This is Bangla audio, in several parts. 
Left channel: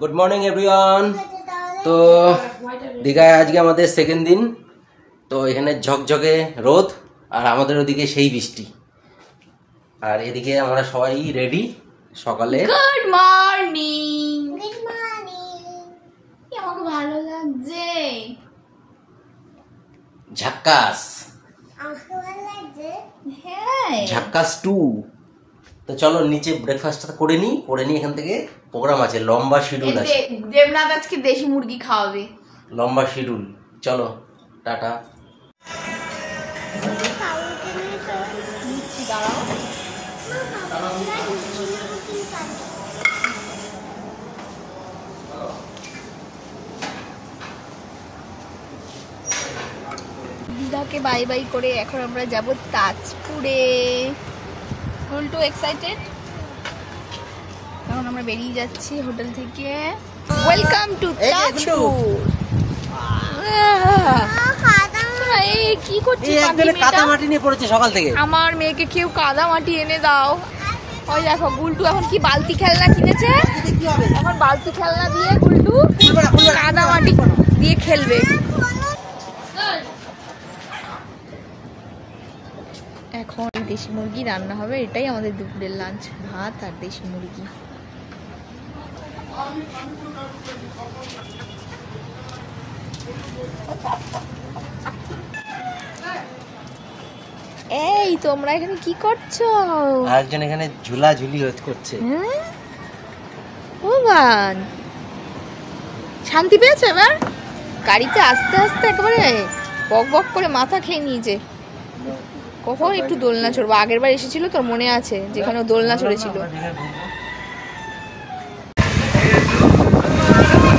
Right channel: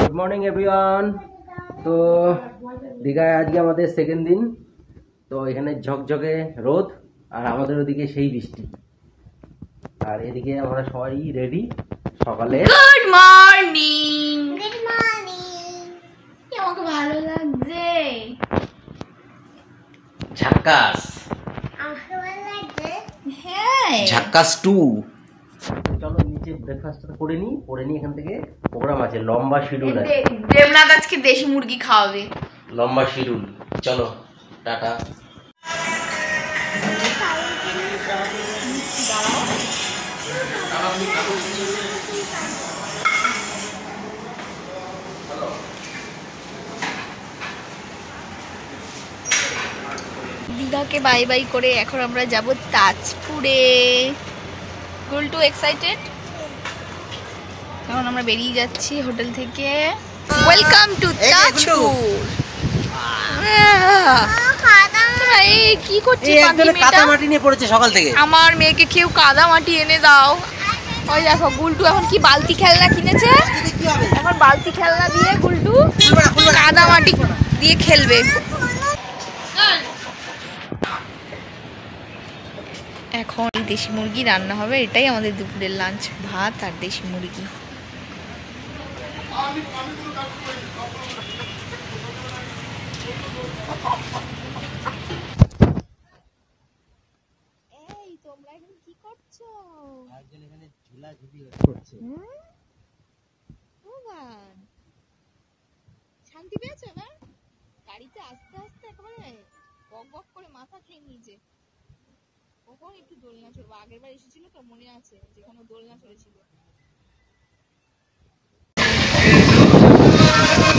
Good morning everyone. তো দীঘায় আজকে আমাদের সেকেন্ড দিন। তো এখানে ঝকঝকে রোদ আর আমাদের ওদিকে সেই বৃষ্টি, আর এদিকে আমরা সবাই রেডি সকালে। Good morning. Good morning. আমাকে ভালো লাগছে। ঝাক্কাস, আমাকে ভালো লাগছে। হ্যাঁ, ঝাক্কাস 2। তো চলো নিচে ব্রেকফাস্টটা করে নিই, এখান থেকে প্রোগ্রাম আছে, লম্বা শিডিউল আছে। দেবনাথ আজকে দেশি মুরগি খাওয়াবে, লম্বা শিডিউল। চলো টাটা। দীঘাকে বাই বাই করে এখন আমরা যাব তাজপুরে। গুলটু এক্সাইটেড? এখন আমরা বেরিয়ে যাচ্ছি হোটেল থেকে। Welcome to Tajpur. কি করছিস? কাদামাটি নিয়ে পড়েছে সকাল থেকে। আমার মেয়েকে কেউ কাদামাটি এনে দাও। ওই দেখো গুলটু এখন কি বালতি খেলনা কিনেছে, এখন বালতি খেলনা দিয়ে গুলটু কাদামাটি দিয়ে খেলবে। এখন দেশি মুরগি রান্না হবে, এটাই আমাদের দুপুরের লাঞ্চ, ভাত আর দেশি মুরগি। এই তোমরা এখানে কি করছো? আরেকজন এখানে ঝুলাঝুলি করছে। ভগবান, শান্তি পেয়েছো এবার? গাড়িতে আস্তে আস্তে একেবারে বক বক করে মাথা খেয়ে নিয়েছে। কখন একটু দোলনা চড়বো? আগের বার এসেছিল তোর মনে আছে, যেখানে দোলনা চড়েছিল।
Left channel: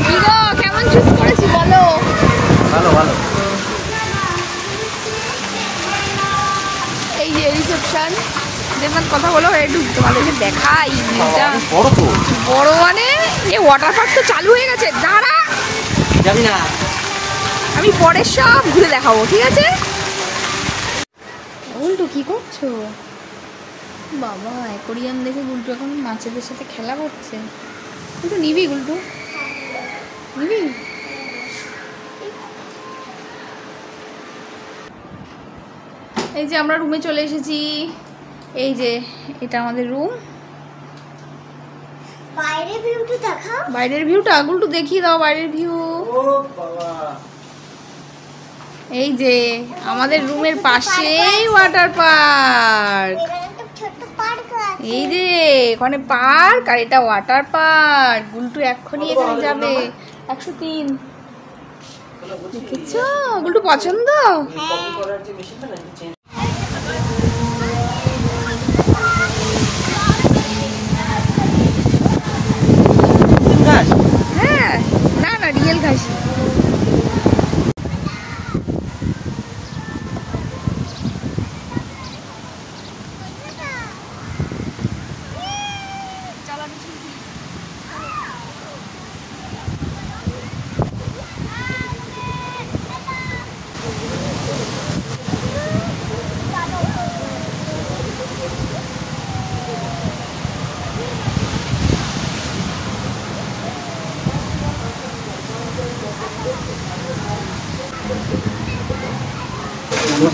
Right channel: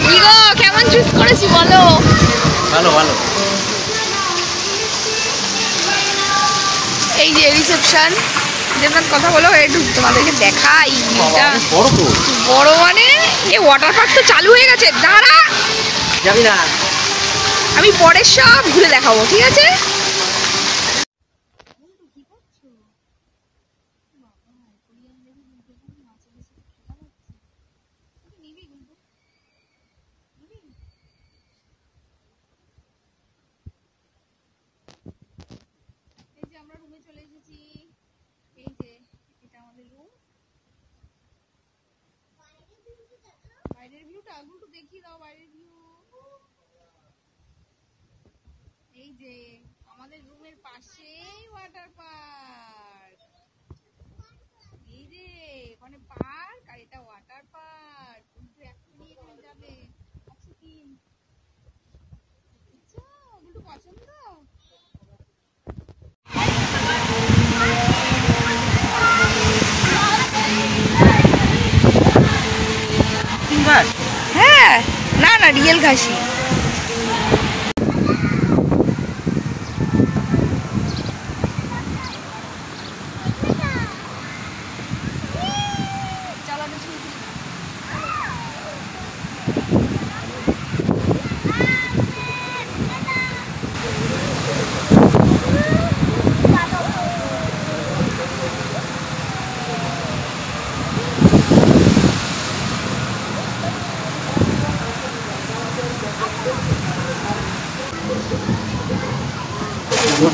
কি গো, কেমন চুজ করেছি বলো? ভালো ভালো। এই যে রিসেপশন। দেবনাথ কথা বলো, একটু তোমাদেরকে দেখাই। বড় তো, বড় মানে এই ওয়াটার পার্ক তো চালু হয়ে গেছে। দাঁড়া, যাবি না? আমি পরে সব ঘুরে দেখাবো, ঠিক আছে? গুলটু কি করছো? বাবা, অ্যাকোরিয়াম দেখে গুলটু এখন মাছেদের সাথে খেলা করছে। গুলটু নিবি? গুলটু নিবি? এই যে আমরা রুমে চলে এসেছি। এই যে এটা আমাদের রুম। বাইরের ভিউটা দেখাও। বাইরের ভিউটা গুলটু দেখিয়ে দাও, বাইরের ভিউ। ও বাবা, এই যে আমাদের রুমের পাশেই ওয়াটার পার্ক। এই যে এখানে পার্ক আর এটা ওয়াটার পার্ক। গুলটু এক্ষুনি এখানে যাবে। 103 দেখেছো? গুলটু পছন্দ? হ্যাঁ, না না, রিয়েল ঘাসি।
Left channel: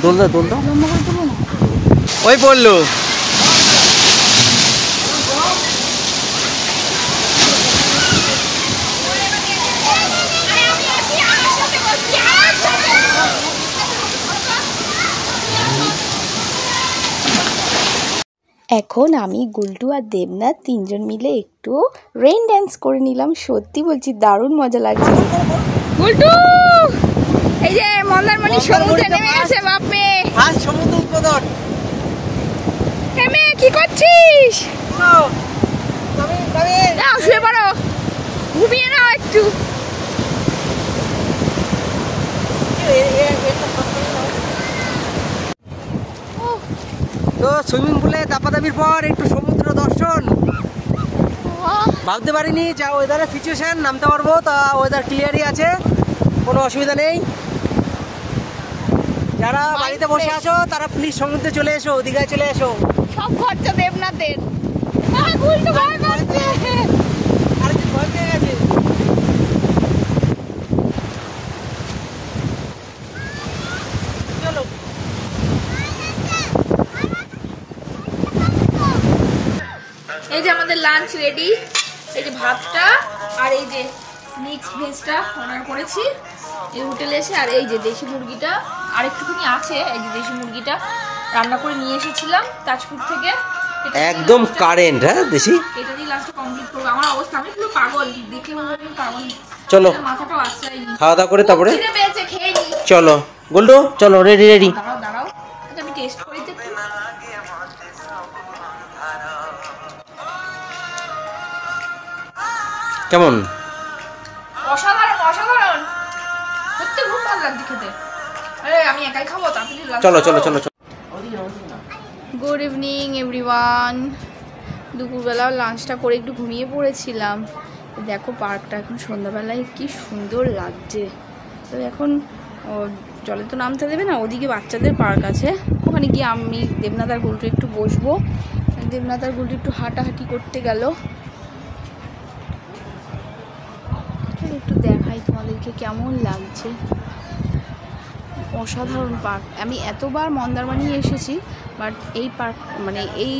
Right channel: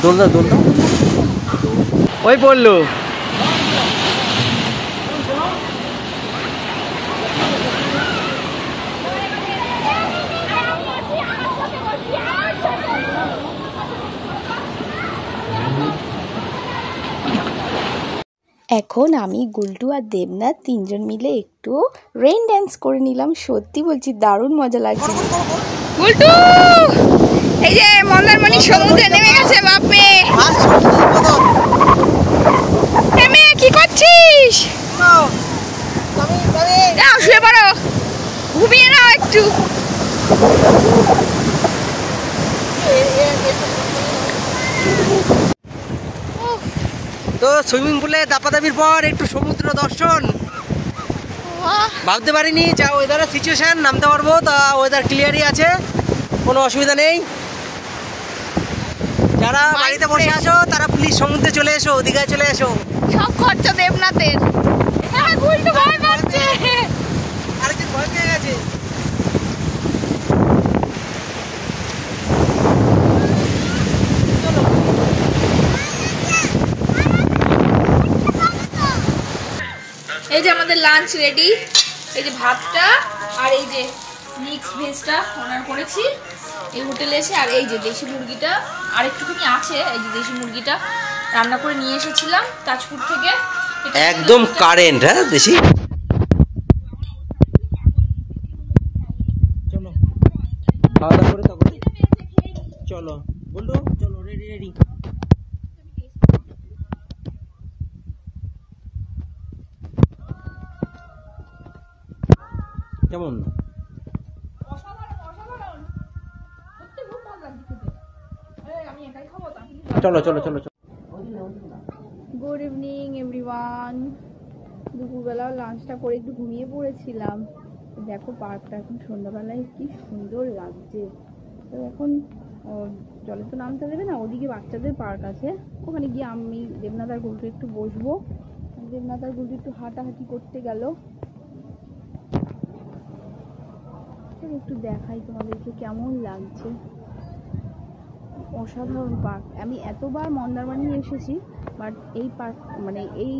দোল দাও, দোল দাও। ওই পড়লো। এখন আমি, গুলটু আর দেবনাথ তিনজন মিলে একটু রেইন ড্যান্স করে নিলাম। সত্যি বলছি, দারুণ মজা লাগছে। গুলটু, এই যে মন্দারমণি সমুদ্রে নেমে গেছে। বাপরে, নেমে কি করছিস? যাও শুয়ে পড়ো, ঘুমিয়ে নাও একটু। তো সুইমিং পুলে দাপাদাপির পর একটু সমুদ্র দর্শন। ভাবতে পারিনি যা ওয়েদারের সিচুয়েশন, নামতে পারবো। তা ওয়েদার ক্লিয়ারই আছে, কোনো অসুবিধা নেই। যারা বাড়িতে বসে আছো তারা প্লিজ সমুদ্রে চলে এসো, দীঘায় চলে এসো। সব খরচা দেবনাথের। ভয় পাচ্ছে। আরেকজন ভয় পেয়ে গেছে। এই যে আমাদের লাঞ্চ রেডি। এই যে ভাতটা আর এই যে মিক্স ভেজটা অর্ডার করেছি এই হোটেলে এসে। আর এই যে দেশি মুরগিটা আর একটুখানি আছে, এই যে দেশি মুরগিটা রান্না করে নিয়ে এসেছিলাম তাজপুর থেকে। একদম কারেন্ট। হ্যাঁ দেশি। এটা দিয়ে লাস্টে কমপ্লিট করব। আমার অবস্থা আমি পুরো পাগল, দেখে মনে হয় পাগল। চলো মাথাটাও আসছে। খাওয়া দাওয়া করে তারপরে খিদে পেয়েছে, খেয়ে নি। চলো গুল্ডু, চলো রেডি রেডি। দাঁড়াও দাঁড়াও, আচ্ছা আমি টেস্ট করি তো। কেমন? অসাধারণ অসাধারণ, সত্যি খুব ভালো লাগছে খেতে। আরে আমি একাই খাবো তাড়াতাড়ি। চলো চলো চলো চলো। Good evening everyone. দুপুরবেলা লাঞ্চটা করে একটু ঘুমিয়ে পড়েছিলাম। দেখো পার্কটা এখন সন্ধ্যাবেলায় কি সুন্দর লাগছে। তো এখন জলে তো নামতে দেবে না, ওদিকে বাচ্চাদের পার্ক আছে, ওখানে গিয়ে আমি দেবনাথ আর গুলটু একটু বসবো। দেবনাথ আর গুলটু একটু হাঁটাহাঁটি করতে গেল। একটু দেখাই তোমাদেরকে কেমন লাগছে। অসাধারণ পার্ক। আমি এতবার মন্দারমণি এসেছি, বাট এই পার্ক মানে এই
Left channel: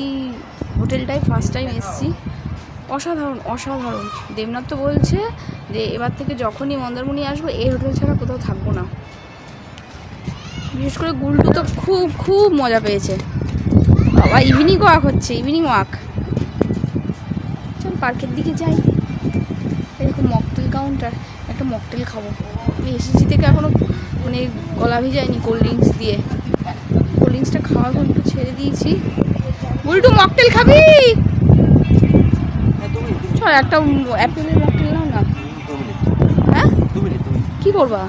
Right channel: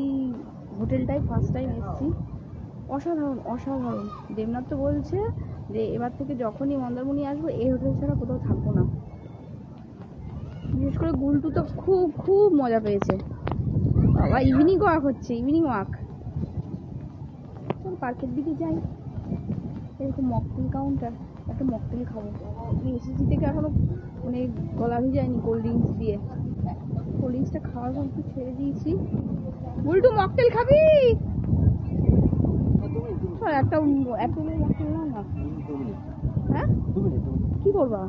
হোটেলটাই ফার্স্ট টাইম এসেছি। অসাধারণ অসাধারণ। দেবনাথ তো বলছে যে এবার থেকে যখনই মন্দারমণি আসবো এই হোটেল ছাড়া কোথাও থাকবো না। বিশেষ করে গুলটু তো খুব খুব মজা পেয়েছে। বাবা ইভিনিং ওয়াক হচ্ছে, ইভিনিং ওয়াক। চল পার্কের দিকে যাই। এরকম মকটেল কাউন্টার, একটা মকটেল খাবো। আমি এসেছি থেকে এখনও মানে গলা ভিজায়নি কোল্ড ড্রিঙ্কস দিয়ে। কোল্ড ড্রিঙ্কসটা খাওয়া একটু ছেড়ে দিয়েছি। গুলটু মকটেল খাবি? চল একটা অ্যাপেলের মকটেল নাও না। হ্যাঁ কি করবা?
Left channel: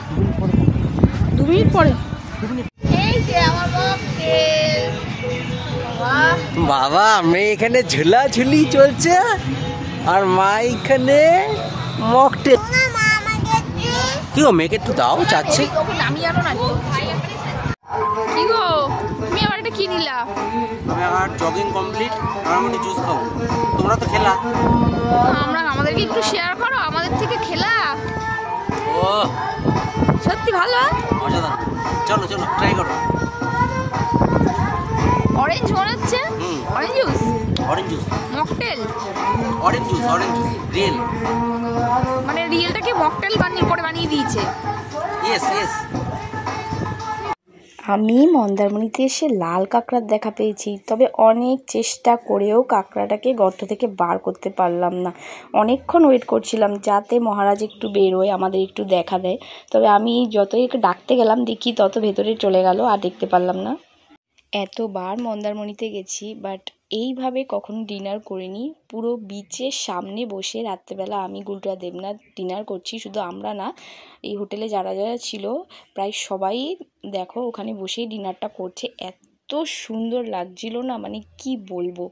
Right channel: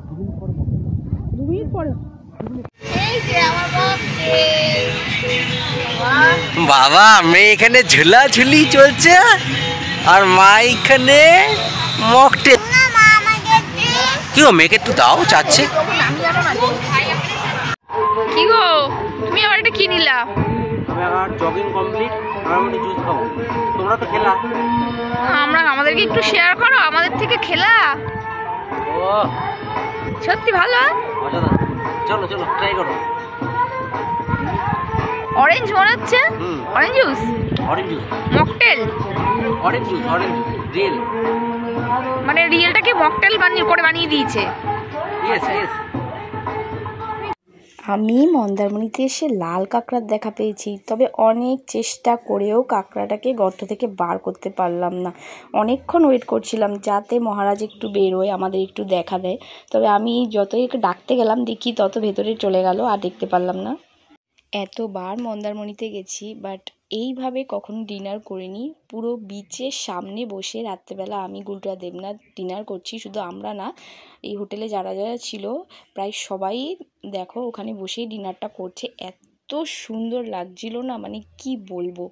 2 মিনিট পরে। এই যে আমার মকটেল। বাবা মেয়ে এখানে ঝুলাঝুলি চলছে আর মা এখানে মকটেল। কি গো মেয়েকে একটু দাও, চাচ্ছে। কি গো তুমি আবার এটা কি নিলা? আমি আবার জগিং কমপ্লিট আর আমি জুস খাবো। তোমরা তো খেলা। আমরা আমাদেরকে একটু শেয়ার করো, আমাদের থেকে খেলা। ও সত্যি ভালো, মজাদার। চলো চলো ট্রাই করো। অরেঞ্জ মনে হচ্ছে। Orange juice, orange juice mocktail. Orange juice real. মানে রিয়েলটাকে মকটেল বানিয়ে দিয়েছে। Yes yes. আমি মন্দারমণিতে এসে লাল কাঁকড়ার দেখা পেয়েছি, তবে অনেক চেষ্টা করেও কাঁকড়াটাকে গর্ত থেকে বার করতে পারলাম না। অনেকক্ষণ ওয়েট করছিলাম যাতে মহারাজ একটু বেরোয়, আমাদের একটু দেখা দেয়। তবে আমি যতই ডাকতে গেলাম দেখি তত ভেতরে চলে গেল, আর দেখতে পারলাম না। এতবার মন্দারমণিতে গেছি, বাট এইভাবে কখনো ডিনার করিনি। পুরো বিচের সামনে বসে রাত্রেবেলা আমি গুলটু আর দেবনাথ ডিনার করছি। শুধু আমরা না, এই হোটেলে যারা যারা ছিল প্রায় সবাই দেখো ওখানে বসেই ডিনারটা করছে। এত সুন্দর লাগছিল না, মানে কি বলবো।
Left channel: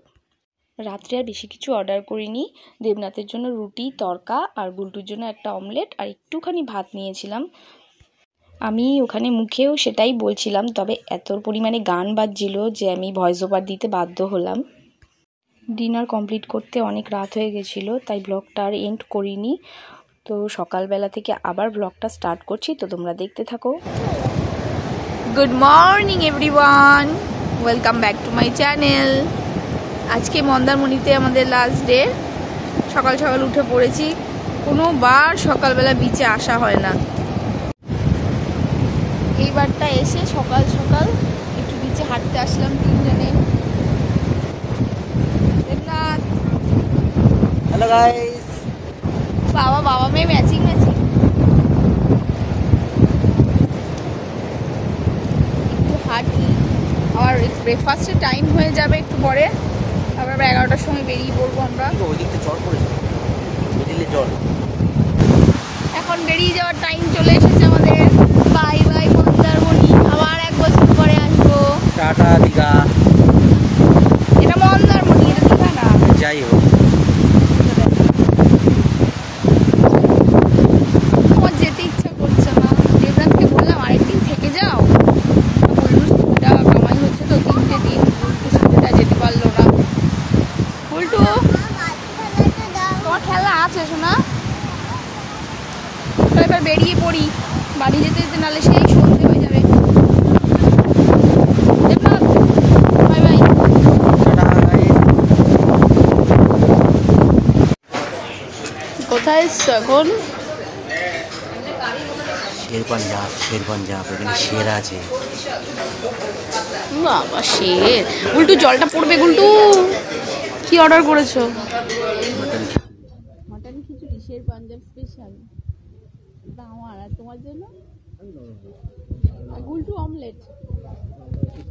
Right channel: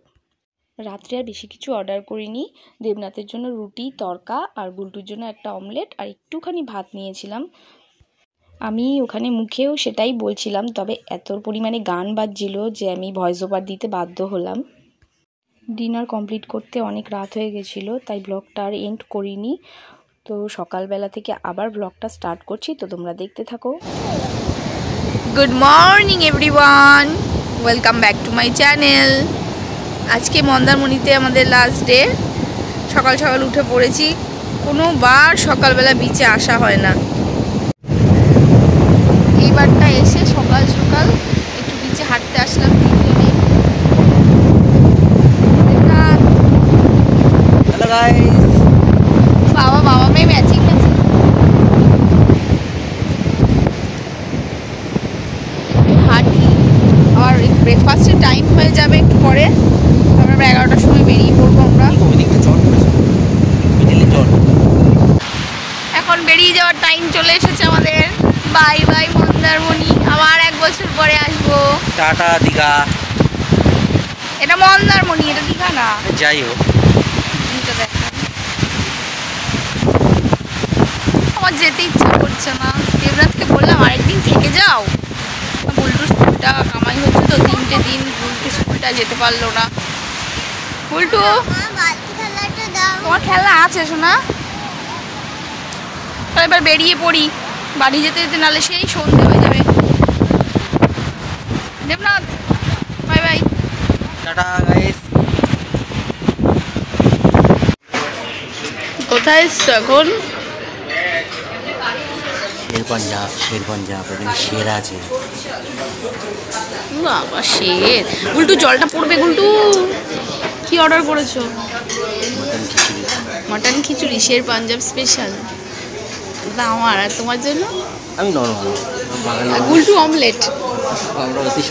রাত্রে আর বেশি কিছু অর্ডার করিনি। দেবনাথের জন্য রুটি তড়কা আর গুলটুর জন্য একটা অমলেট আর একটুখানি ভাত নিয়েছিলাম। আমি ওখানে মুখেও সেটাই বলছিলাম, তবে এত পরিমাণে গান বাজছিল যে আমি ভয়েস ওভার দিতে বাধ্য হলাম। ডিনার কমপ্লিট করতে অনেক রাত হয়ে গেছিলো, তাই ব্লগটা আর এন্ড করিনি। তো সকালবেলা থেকে আবার ব্লগটা স্টার্ট করছি, তো তোমরা দেখতে থাকো। Good morning everyone, welcome back to my channel. আজকে মন্দারমণিতে আমাদের লাস্ট ডে। সকাল সকাল উঠে পড়েছি। কোনোবার সকালবেলা বিচে আসা হয় না। এইবারটা এসে সকাল সকাল একটু বিচে হাঁটতে আসলাম তিনজনে। Hello guys. বাবা মেয়ে ম্যাচিং ম্যাচিং। হাঁটি, আবার ব্রেকফাস্টের টাইম হয়ে যাবে একটু পরে। তারপর আমরা 11টার সময় বেরিয়ে পড়বো আমরা। এখন বেরিয়ে যাওয়ার টাইম চলে এসেছে আমাদের। বাই বাই মন্দারমণি, আবার 1 বছর পরে আসবো। টাটা দীঘা। এটা মন্দারমণি, এটা দীঘা না। যাই হোক, আমার যেতে ইচ্ছা করছে না। দেবনাথকে বললাম আরেকদিন থেকে যাও। বুলটুর স্কুলটা কামাই হচ্ছে তো 3টে দিন, বুলটুর স্কুলটা যেতে পারলো না। বুলটু তোমার খেলা আছে শোনা? এবার বেরিয়ে পড়ি, বাড়ি যেতে যেতে নাহলে সেই সন্ধে হয়ে যাবে। Debnath bye bye. Tata guys. কোথায় এসছো এখন? শের পাঞ্জাব এখানে শের আছে। বাবা শের। গুলটু জলটা পড়বে গুলটু। কি অর্ডার করেছো? মটন খিচুড়ি। মটন খিচুড়ি শের পাঞ্জাব স্পেশাল। আমার আর তোমার জন্য আমি নর্মাল গুলটু অমলেট। আমরা অতি